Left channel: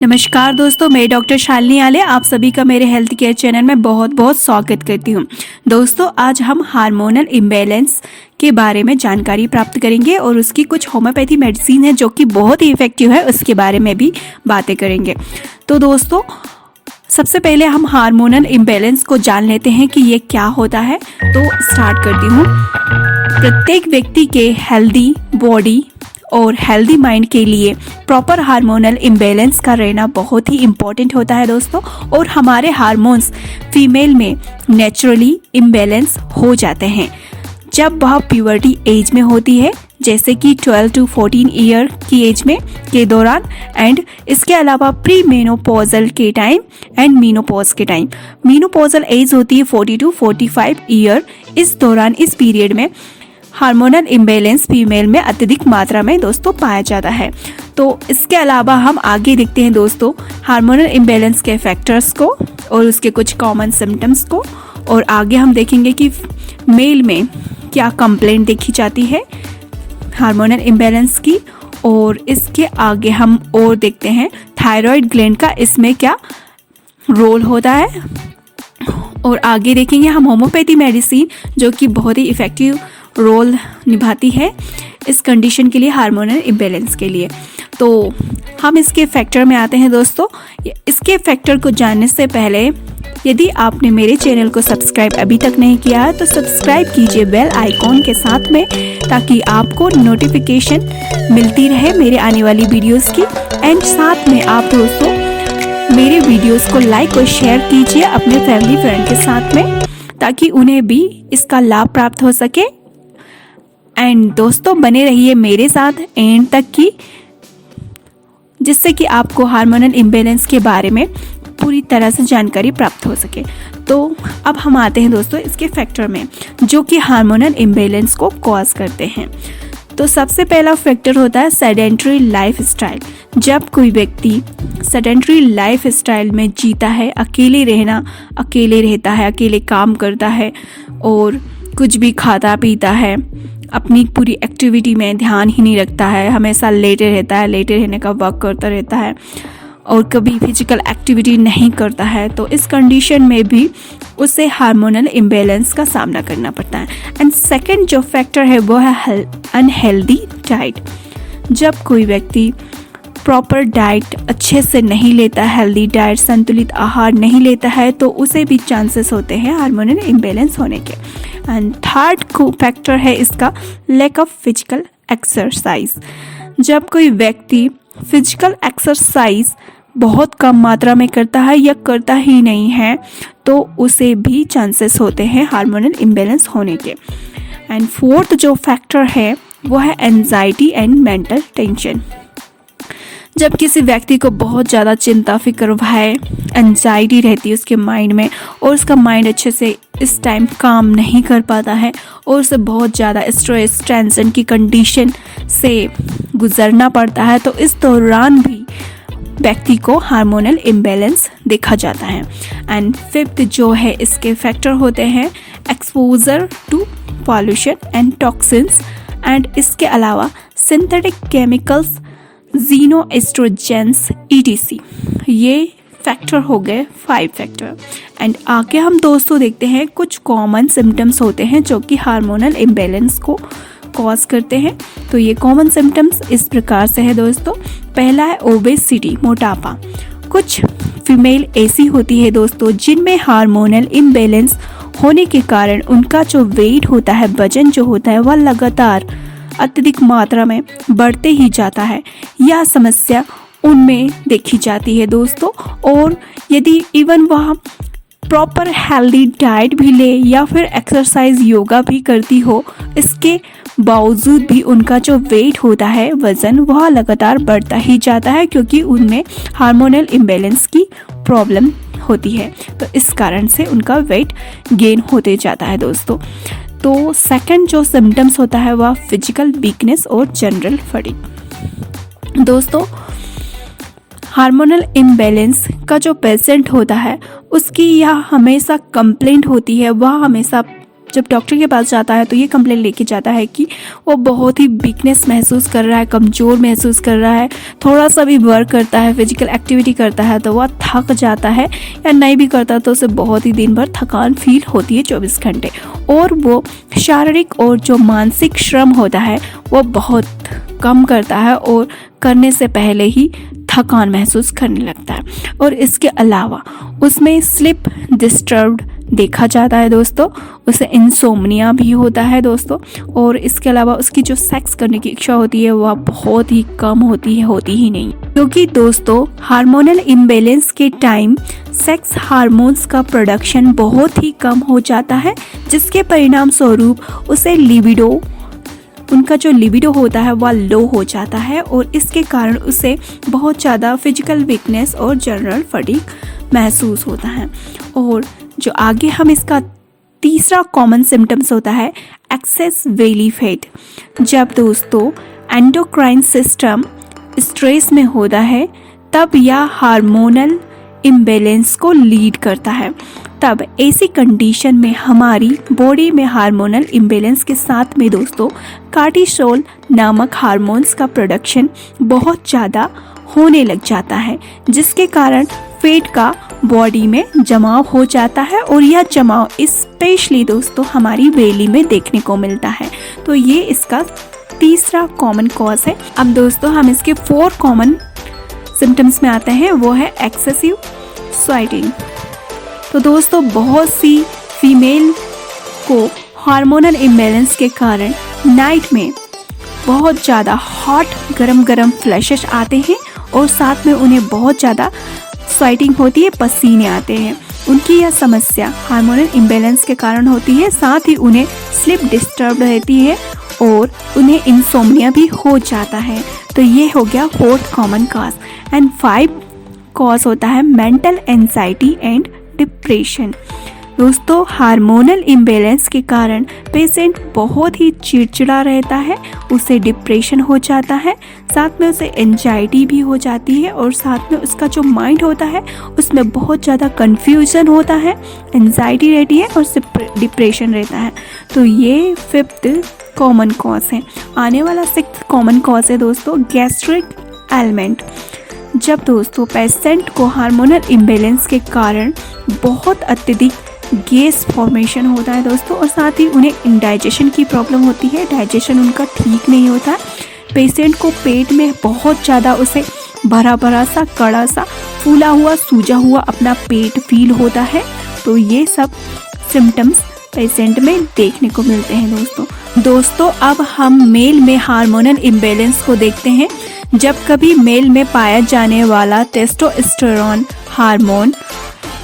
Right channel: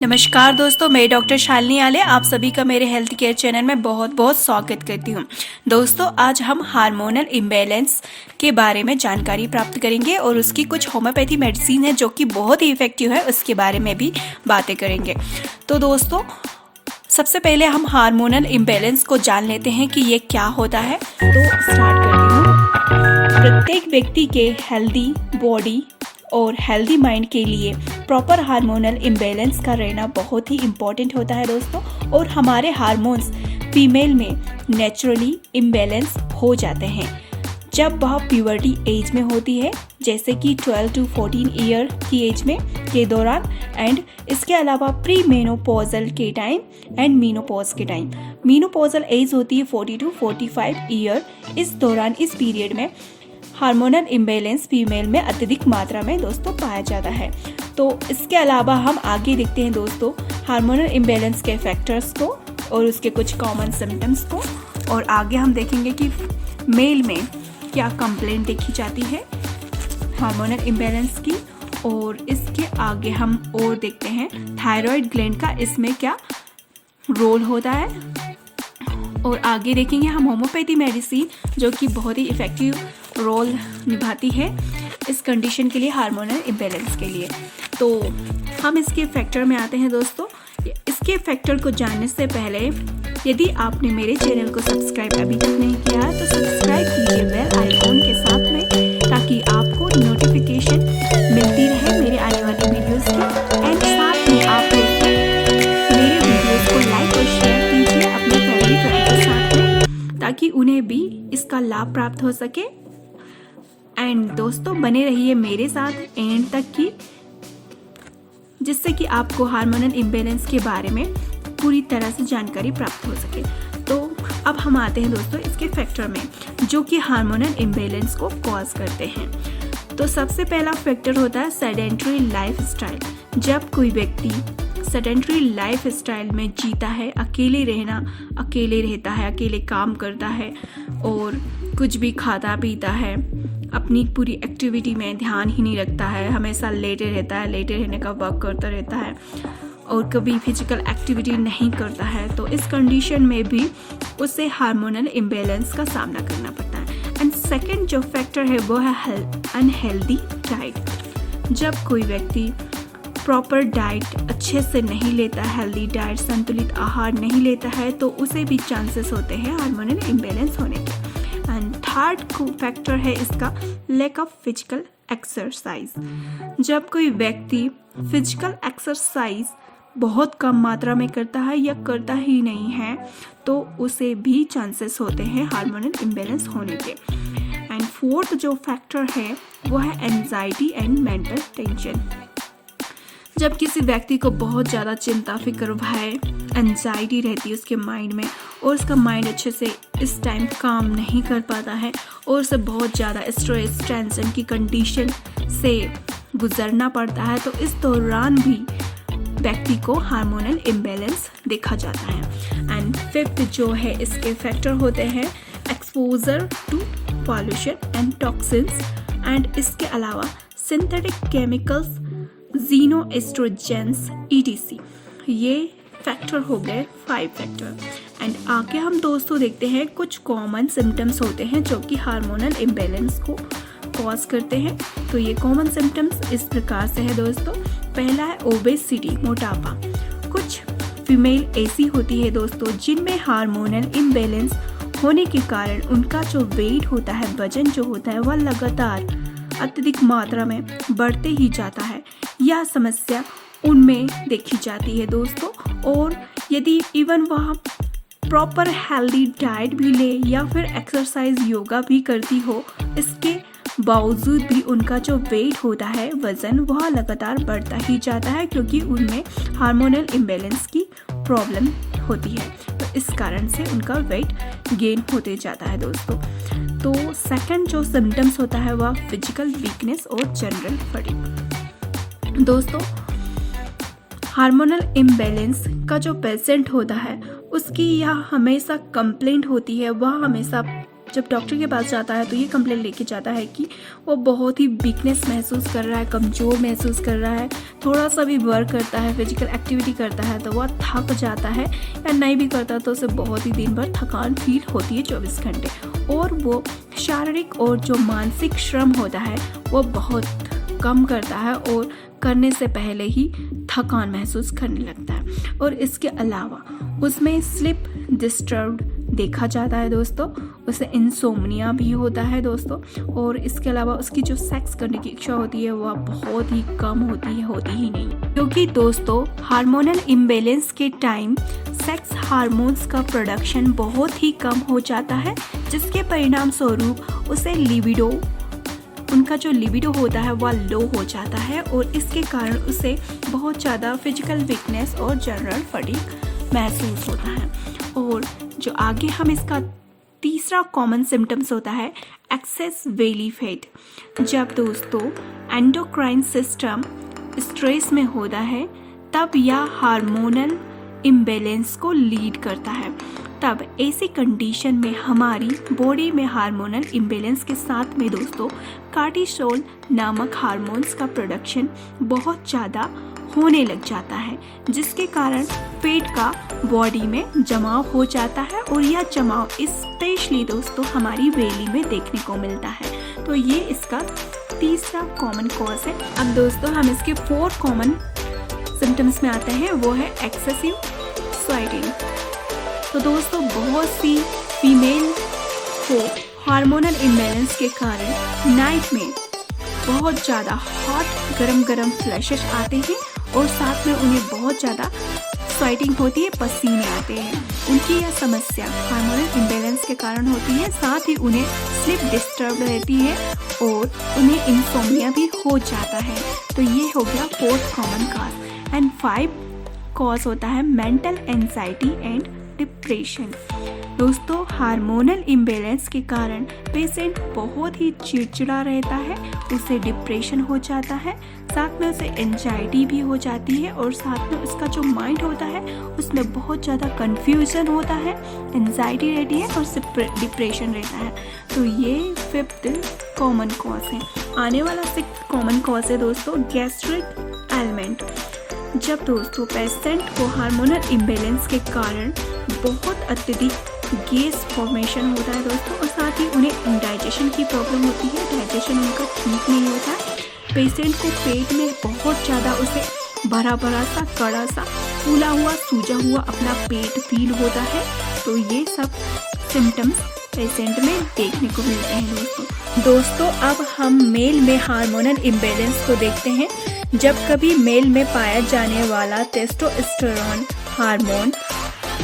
नमस्कार दोस्तों, मैं डॉक्टर शालिनी आले आप सभी का मेरे हेल्थ केयर चैनल में बहुत बहुत स्वागत करती हूँ। दोस्तों, आज हम हार्मोनल इम्बैलेंस के बारे में जानकारी प्राप्त करेंगे और उसकी कुछ होम्योपैथी मेडिसिन है जो कि बहुत ही इफ़ेक्टिव है, उसके बारे में भी बातें करेंगे। तो दोस्तों, सबसे पहले हम हार्मोनल इम्बैलेंस को जान लेते हैं कि ये क्या होता है। तो स्टार्ट करती हूँ। प्रत्येक व्यक्ति के हेल्दी बॉडी और हेल्दी माइंड के लिए प्रॉपर हार्मोनल इम्बैलेंस का रहना बहुत ही इम्पोर्टेंट होता है दोस्तों। और हमारे हार्मोन्स फीमेल में नेचुरली इम्बैलेंस हो जाते हैं जब वह प्यूबर्टी एज में होती है, जैसे कि 12 to 14 ईयर की एज में के दौरान, एंड इसके अलावा प्री मेनोपॉजल के टाइम एंड मीनोपॉज के टाइम। मीनोपॉजल एज होती है 40 to 45 ईयर। इस दौरान इस पीरियड में हार्मोनल इम्बैलेंस फीमेल में अत्यधिक मात्रा में दोस्तों पाया जाता है। तो इसके अलावा हम आगे देखते हैं दोस्तों हार्मोनल इम्बैलेंस के फैक्टर्स को और उसके कुछ कॉमन सिम्टम्स को, और आगे हम देखेंगे कि मेल में क्या कंप्लेंट देखी जाती है हार्मोनल इम्बैलेंस की, और इसके आगे हम और देखते हैं थायराइड ग्लैंड का इसमें क्या रोल होता है, और आगे देखेंगे हम होम्योपैथी मेडिसिन जो कि बहुत ही इफ़ेक्टिव रोल निभाती है इस कंडीशन के लिए, हार्मोनल इम्बैलेंस के लिए। तो हम इसके फैक्टर में आते हैं दोस्तों। इसके फैक्टर को जानने से पहले यदि आपने मेरे चैनल को सब्सक्राइब अभी तक नहीं किया है तो सब्सक्राइब कीजिए बेल आइकॉन के साथ में, ताकि आपको नोटिफिकेशन मिलती रहे मेरे आने वाली वीडियोस की। एंड साथ में आप दोस्तों मेरे वीडियोस को लाइक और शेयर कीजिए अपने फैमिली फ्रेंड के साथ में, ताकि उन्हें भी इसका लाभ प्राप्त हो सके। एंड दोस्तों, बने रहिए मेरे साथ एंड तक की, जिससे कि आपको हार्मोनल इम्बैलेंस के बारे में पूरी तरह से जानकारी प्राप्त हो सके। तो अब हम आते हैं दोस्तों इसके फैक्टर में जो कि हार्मोनल इम्बैलेंस को कॉज करते हैं। तो सबसे पहला फैक्टर होता है सेडेंटरी लाइफ स्टाइल। जब कोई व्यक्ति सेडेंटरी लाइफ स्टाइल में जीता है, अकेले रहता है, अकेले काम करता है और कुछ भी खाता पीता है, अपनी पूरी एक्टिविटी में ध्यान ही नहीं रखता है, हमेशा लेटे रहने का वर्क करता रहता है और कभी फिजिकल एक्टिविटी नहीं करता है, तो इस कंडीशन में भी उसे हार्मोनल इम्बैलेंस का सामना करना पड़ता है। एंड सेकंड जो फैक्टर है वो है अनहेल्दी डाइट। जब कोई व्यक्ति प्रॉपर डाइट अच्छे से नहीं लेता, हेल्दी डाइट संतुलित आहार नहीं लेता है, तो उसे भी चांसेस होते हैं हार्मोनल इम्बैलेंस होने के। एंड थर्ड फैक्टर है इसका लैक ऑफ फिजिकल एक्सरसाइज। जब कोई व्यक्ति फिजिकल एक्सरसाइज बहुत कम मात्रा में करता है या करता ही नहीं है, तो उसे भी चांसेस होते हैं हार्मोनल इम्बैलेंस होने के। एंड फोर्थ जो फैक्टर है वो है एंजाइटी एंड मेंटल टेंशन। जब किसी व्यक्ति को बहुत ज़्यादा चिंता फिक्र है, एंजाइटी रहती है उसके माइंड में, और उसका माइंड अच्छे से इस टाइम काम नहीं कर पाता है और उसे बहुत ज़्यादा स्ट्रेस टेंशन की कंडीशन से गुजरना पड़ता है, तो इस दौरान भी व्यक्ति को हार्मोनल इम्बैलेंस देखा जाता है। एंड फिफ्थ जो है इसके फैक्टर होते हैं exposure to pollution and toxins, and इसके अलावा synthetic chemicals, xenoestrogens ETC। ये फैक्टर हो गए 5 फैक्टर। एंड आगे हम दोस्तों देखते हैं कुछ कॉमन सिम्टम्स होते हैं जो कि हार्मोनल इम्बैलेंस को कॉज करते हैं। तो ये कॉमन सिम्टम्स इस प्रकार से है दोस्तों। पहला है ओबेसिटी, मोटापा। कुछ फीमेल ऐसी होती है दोस्तों जिनमें हार्मोनल इम्बैलेंस होने के कारण उनका जो वेट होता है, वजन जो होता है, वह लगातार अत्यधिक मात्रा में बढ़ते ही जाता है। यह समस्या उनमें देखी जाती है दोस्तों। और यदि इवन वह प्रॉपर हेल्दी डाइट भी ले या फिर एक्सरसाइज योगा भी करती हो, इसके बावजूद भी उनका जो वेट होता है, वज़न, वह लगातार बढ़ता ही जाता है, क्योंकि उनमें हार्मोनल इम्बैलेंस की प्रॉब्लम होती है। तो इस कारण से उनका वेट गेन होते जाता है दोस्तों। तो सेकंड जो सिम्टम्स होता है वह फिजिकल वीकनेस और जनरल फटीग। दोस्तों, हार्मोनल इम्बैलेंस का जो पेशेंट होता है उसकी यह हमेशा कंप्लेंट होती है, वह हमेशा जब डॉक्टर के पास जाता है तो ये कंप्लेन लेके जाता है कि वो बहुत ही वीकनेस महसूस कर रहा है, कमज़ोर महसूस कर रहा है, थोड़ा सा भी वर्क करता है, फिजिकल एक्टिविटी करता है तो वह थक जाता है, या नहीं भी करता तो उसे बहुत ही दिन भर थकान फील होती है 24 घंटे, और वो शारीरिक और जो मानसिक श्रम होता है वो बहुत कम करता है और करने से पहले ही थकान महसूस करने लगता है। और इसके अलावा उसमें स्लीप डिस्टर्ब्ड देखा जाता है दोस्तों, उसे इंसोम्निया भी होता है दोस्तों, और इसके अलावा उसकी जो सेक्स करने की इच्छा होती है वह बहुत ही कम होती है, होती ही नहीं, क्योंकि दोस्तों हार्मोनल इम्बैलेंस के टाइम सेक्स हार्मोन्स का प्रोडक्शन बहुत ही कम हो जाता है, जिसके परिणाम स्वरूप उसे लिबिडो, उनका जो लिबिडो होता है वह लो हो जाता है, और इसके कारण उसे बहुत ज़्यादा फिजिकल वीकनेस और जनरल फटीग महसूस होता है। और जो आगे हम इसका तीसरा कॉमन सिम्टम्स होता है एक्सेस बेली फैट। जब दोस्तों एंडोक्राइन सिस्टम स्ट्रेस में होता है तब यह हार्मोनल इम्बैलेंस को लीड करता है। तब ऐसी कंडीशन में हमारी बॉडी में हार्मोनल इम्बैलेंस के साथ में दोस्तों कार्टिसोल नामक हार्मोन्स का प्रोडक्शन बहुत ज़्यादा होने लग जाता है, जिसके कारण फैट का बॉडी में जमाव हो जाता है, और यह जमाव स्पेशली दोस्तों हमारी बेली में देखने को मिलता है। तो ये इसका तीसरा कॉमन कॉज है। अब दोस्तों हम इसके 4 कॉमन सिम्टम्स में आते हैं, वो है एक्सेसिव स्वेटिंग। तो दोस्तों बहुत सी फीमेल को हार्मोनल इम्बैलेंस के कारण नाइट में बहुत ज़्यादा हॉट गरम फ्लैशेस आते हैं, और साथ में उन्हें बहुत ज़्यादा स्वेटिंग होती है, पसीने आते हैं। उनकी यह समस्या हार्मोनल इम्बैलेंस के कारण होती है, साथ ही उन्हें स्लीप डिस्टर्ब रहती है और उन्हें इंसोम्निया भी हो जाता है। तो ये हो गया 4th common cause. And 5 cause होता है मेंटल एंजाइटी एंड डिप्रेशन। दोस्तों हार्मोनल इम्बैलेंस के कारण पेशेंट बहुत ही चिड़चिड़ा रहता है, उसे डिप्रेशन हो जाता है, साथ में उसे एंजाइटी भी हो जाती है, और साथ में उसका जो माइंड होता है उसमें बहुत ज़्यादा कन्फ्यूजन होता है, एंजाइटी रहती है और डिप्रेशन रहता है। तो ये 5th कॉमन कॉज है। आने वाला 6th कॉमन कॉज है दोस्तों गैस्ट्रिक एलिमेंट। जब दोस्तों पेशेंट को हार्मोनल इम्बैलेंस के कारण बहुत अत्यधिक गैस फॉर्मेशन होता है दोस्तों, और साथ ही उन्हें इंडाइजेशन की प्रॉब्लम होती है, डाइजेशन उनका ठीक नहीं होता है, पेशेंट को पेट में बहुत ज़्यादा उसे भरा सा कड़ा सा फूला हुआ सूजा हुआ अपना पेट फील होता है। तो ये सब सिम्टम्स पेशेंट में देखने को मिलते हैं दोस्तों अब हम मेल में हार्मोनल इम्बैलेंस को देखते हैं। जब कभी मेल में पाया जाने वाला टेस्टोस्टेरोन हार्मोन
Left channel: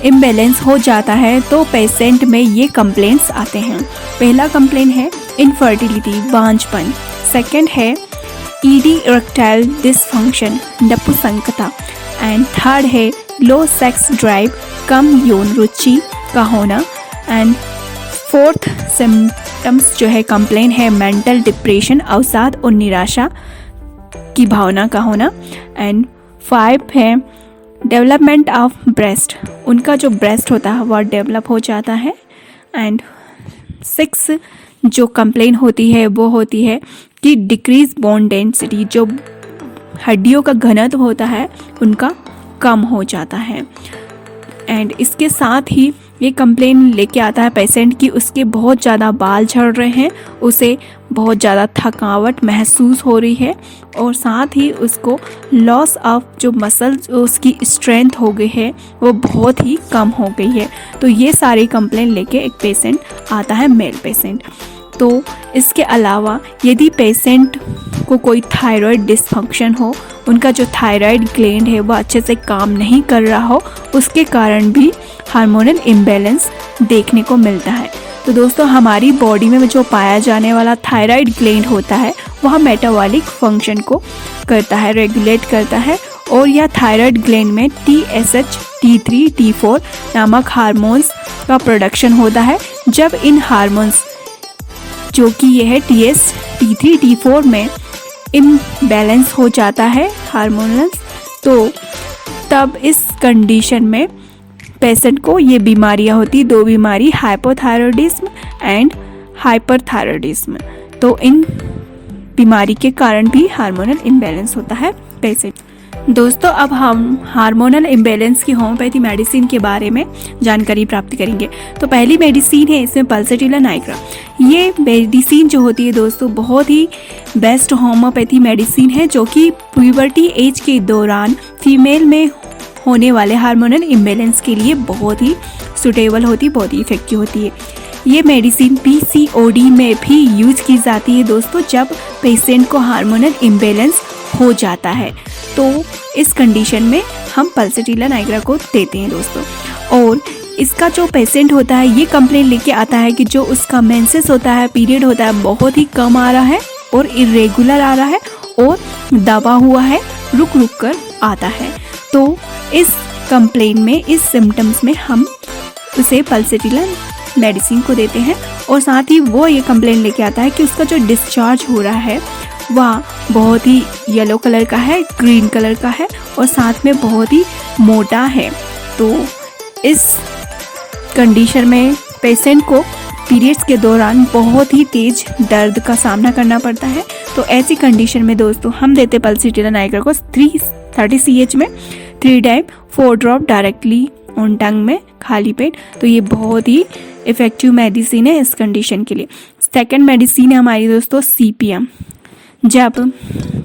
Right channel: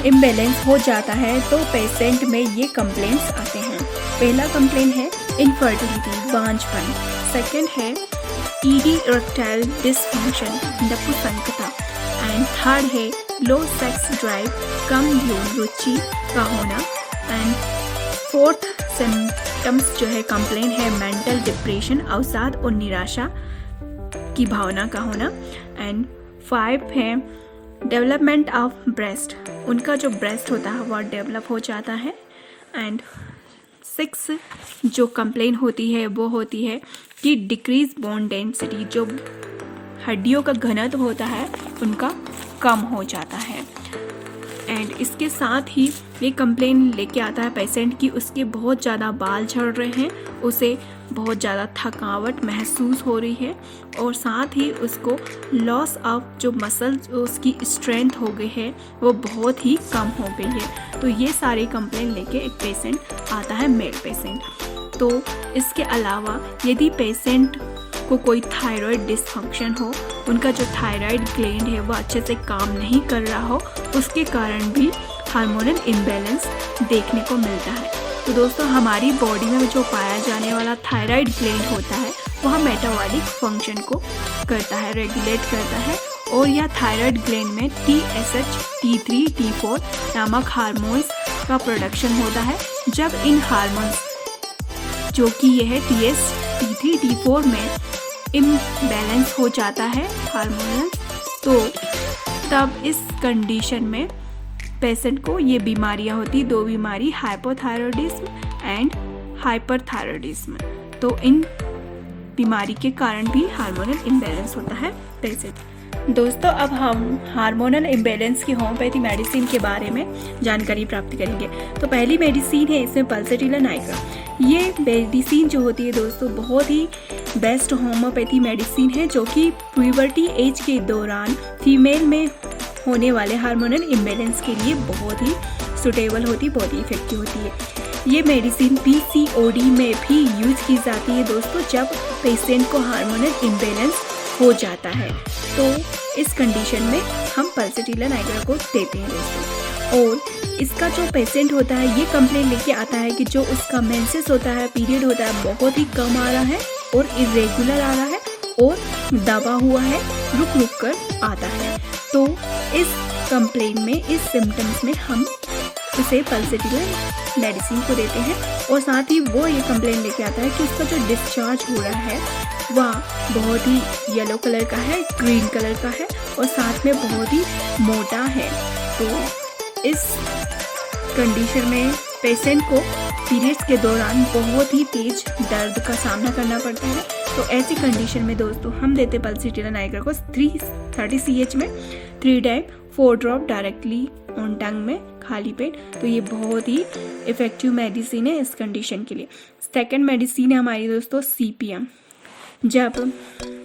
इम्बैलेंस हो जाता है तो पेशेंट में ये कंप्लेंट्स आते हैं। पहला कंप्लेंट है इनफर्टिलिटी, बांझपन। सेकंड है ईडी इरेक्टाइल डिसफंक्शन, नपुंसकता। एंड थर्ड है लो सेक्स ड्राइव, कम यौन रुचि का होना। एंड 4th सिम्टम्स जो है कंप्लेंट है मेंटल डिप्रेशन, अवसाद और निराशा की भावना का होना। एंड 5 है डेवलपमेंट ऑफ ब्रेस्ट, उनका जो ब्रेस्ट होता है वह डेवलप हो जाता है। एंड 6 जो कंप्लेंट होती है वो होती है कि डिक्रीज बोन डेंसिटी, जो हड्डियों का घनत्व होता है उनका कम हो जाता है। एंड इसके साथ ही ये कंप्लेंट लेके आता है पेशेंट की उसके बहुत ज़्यादा बाल झड़ रहे हैं, उसे बहुत ज़्यादा थकावट महसूस हो रही है, और साथ ही उसको लॉस ऑफ जो मसल्स उसकी स्ट्रेंथ हो गई है वो बहुत ही कम हो गई है। तो ये सारी कंप्लेंट लेके एक पेशेंट आता है, मेल पेशेंट। तो इसके अलावा यदि पेशेंट को कोई थायराइड डिसफंक्शन हो, उनका जो थायराइड ग्लैंड है वो अच्छे से काम नहीं कर रहा हो, उसके कारण भी हार्मोनल इम्बैलेंस देखने को मिलता है। तो दोस्तों हमारी बॉडी में जो पाया जाने वाला थायराइड ग्लैंड होता है वह मेटाबॉलिक फंक्शन को करता है, रेगुलेट करता है, और यह थायराइड ग्लैंड में TSH, T3, T4 नामक हार्मोन्स का प्रोडक्शन होता है। जब इन हार्मोन्स जो कि यह है T3, T4 में इम्बैलेंस हो जाता है हार्मोनल, तो तब इस कंडीशन में पेशेंट को ये बीमारियां होती, 2 बीमारी, हाइपोथायरॉयडिज्म एंड हाइपरथायरॉयडिज्म। तो इन बीमारी के कारण भी हार्मोनल इम्बैलेंस होता है पेशेंट। दोस्तों अब हम हार्मोनल इम्बैलेंस की होम्योपैथी मेडिसिन के बारे में जानकारी प्राप्त करेंगे। तो पहली मेडिसिन है इसमें पल्सैटिला नाइग्रा। ये मेडिसिन जो होती है दोस्तों बहुत ही बेस्ट होम्योपैथी मेडिसिन है, जो कि प्यूबर्टी एज के दौरान फीमेल में होने वाले हार्मोनल इम्बैलेंस के लिए बहुत ही सुटेबल होती, बहुत ही इफेक्टिव होती है। ये मेडिसिन PCOD में भी यूज की जाती है दोस्तों, जब पेशेंट को हार्मोनल इम्बैलेंस हो जाता है तो इस कंडीशन में हम पल्सैटिला नाइग्रा को देते हैं दोस्तों। और इसका जो पेशेंट होता है ये कंप्लेंट लेके आता है कि जो उसका मेंसेस होता है, पीरियड होता है, बहुत ही कम आ रहा है और इरेगुलर आ रहा है और दबा हुआ है, रुक रुक कर आता है। तो इस कंप्लेंट में, इस सिम्टम्स में हम उसे पल्सैटिला मेडिसिन को देते हैं। और साथ ही वो ये कंप्लेंट लेके आता है कि उसका जो डिस्चार्ज हो रहा है वह बहुत ही येलो कलर का है, ग्रीन कलर का है और साथ में बहुत ही मोटा है। तो इस कंडीशन में पेशेंट को पीरियड्स के दौरान बहुत ही तेज दर्द का सामना करना पड़ता है। तो ऐसी कंडीशन में दोस्तों हम देते पल्सैटिला नाइग्रा को 330 CH में 3 टाइम 4 ड्रॉप डायरेक्टली ऑन टंग में खाली पेट। तो ये बहुत ही इफेक्टिव मेडिसिन है इस कंडीशन के लिए। सेकंड मेडिसिन है हमारी दोस्तों CPM। जब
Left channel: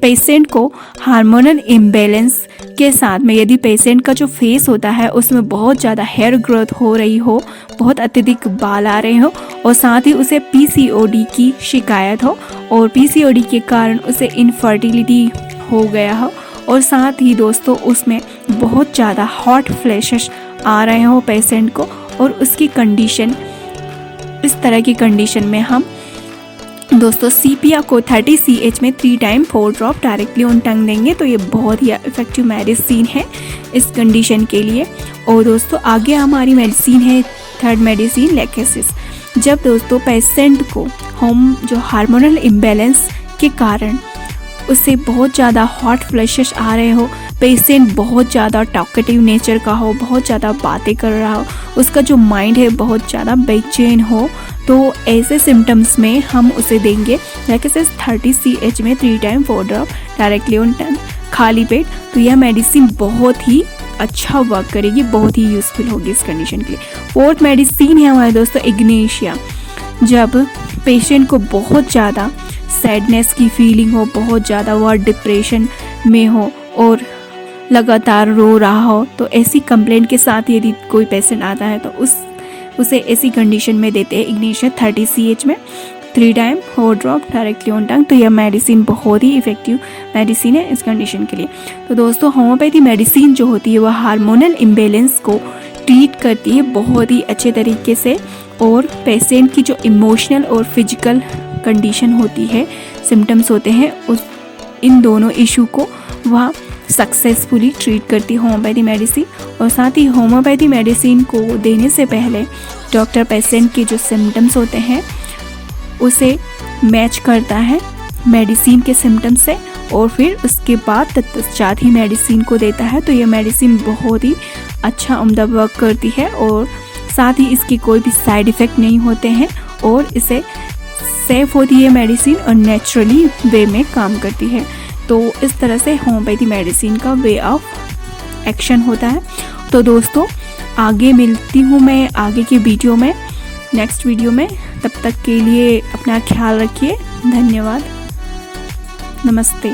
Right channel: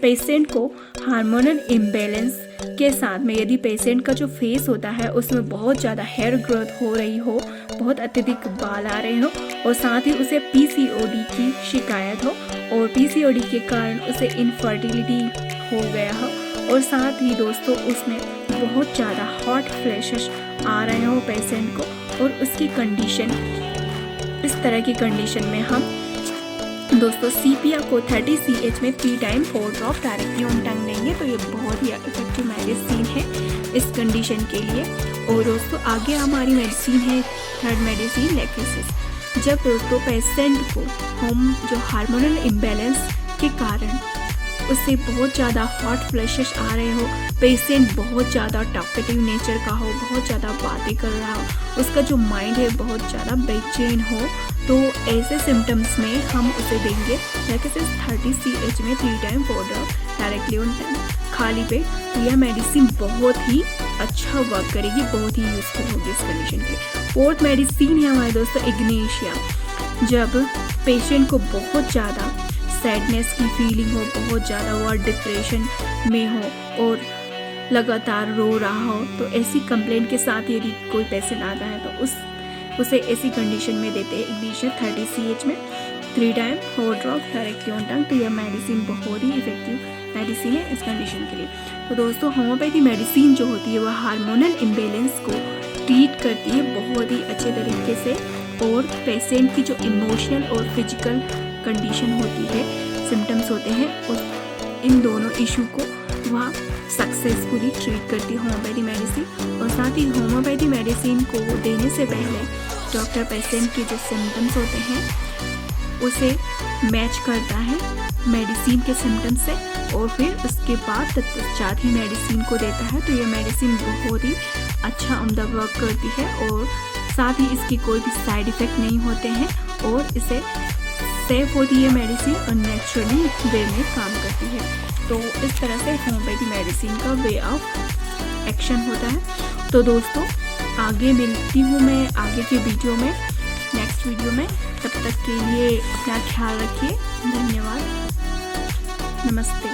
पेशेंट को हार्मोनल इम्बैलेंस के साथ में यदि पेशेंट का जो फेस होता है उसमें बहुत ज़्यादा हेयर ग्रोथ हो रही हो, बहुत अत्यधिक बाल आ रहे हो और साथ ही उसे PCOD की शिकायत हो और PCOD के कारण उसे इनफर्टिलिटी हो गया हो और साथ ही दोस्तों उसमें बहुत ज़्यादा हॉट फ्लैशेस आ रहे हो पेशेंट को और उसकी कंडीशन, इस तरह की कंडीशन में हम दोस्तों CPM को 30 CH में 3 टाइम 4 ड्रॉप डायरेक्टली ऑन टंग देंगे। तो ये बहुत ही इफेक्टिव मेडिसिन है इस कंडीशन के लिए। और दोस्तों आगे हमारी मेडिसिन है थर्ड मेडिसिन लेकेसिस। जब दोस्तों पेशेंट को हम जो हार्मोनल इम्बैलेंस के कारण उससे बहुत ज़्यादा हॉट फ्लैशेस आ रहे हो, पेशेंट बहुत ज़्यादा टॉकेटिव नेचर का हो, बहुत ज़्यादा बातें कर रहा हो, उसका जो माइंड है बहुत ज़्यादा बेचैन हो, तो ऐसे सिम्टम्स में हम उसे देंगे लेकेसिस 30 CH में 3 टाइम 4 ड्रॉप डायरेक्टली ऑन टंग खाली पेट। तो यह मेडिसिन बहुत ही अच्छा वर्क करेगी, बहुत ही यूज़फुल होगी इस कंडीशन के लिए। फोर्थ मेडिसिन है हमारे दोस्तों इग्नेशिया। जब पेशेंट को बहुत ज़्यादा सैडनेस की फीलिंग हो, बहुत ज़्यादा वह डिप्रेशन में हो और लगातार रो रहा हो, तो ऐसी कंप्लेंट के साथ यदि कोई पेशेंट आता है तो उसे ऐसी कंडीशन में देते हैं इग्नेशिया 30 CH में 3 टाइम 4 ड्रॉप डायरेक्टली ऑन टंग। तो यह मेडिसिन बहुत ही इफेक्टिव मेडिसिन है इस कंडीशन के लिए। तो दोस्तों होम्योपैथी मेडिसिन जो होती है वह हार्मोनल इम्बैलेंस को ट्रीट करती है बहुत ही अच्छे तरीके से और पेशेंट की जो इमोशनल और फिजिकल कंडीशन होती है, सिम्टम्स होते हैं, उस इन दोनों इशू को वह सक्सेसफुली ट्रीट करती है होम्योपैथी मेडिसिन। और साथ ही होम्योपैथी मेडिसिन को देने से पहले डॉक्टर पेशेंट के जो सिम्टम्स होते हैं उसे मैच करता है मेडिसिन के सिम्टम्स से और फिर उसके बाद तत्पश्चात ही मेडिसिन को देता है। तो यह मेडिसिन बहुत ही अच्छा उम्दा वर्क करती है और साथ ही इसकी कोई भी साइड इफ़ेक्ट नहीं होते हैं और इसे सेफ होती है मेडिसिन और नेचुरली वे में काम करती है। तो इस तरह से होम्योपैथी मेडिसिन का वे ऑफ एक्शन होता है। तो दोस्तों आगे मिलती हूँ मैं आगे की वीडियो में, नेक्स्ट वीडियो में। तब तक के लिए अपना ख्याल रखिए। धन्यवाद। नमस्ते।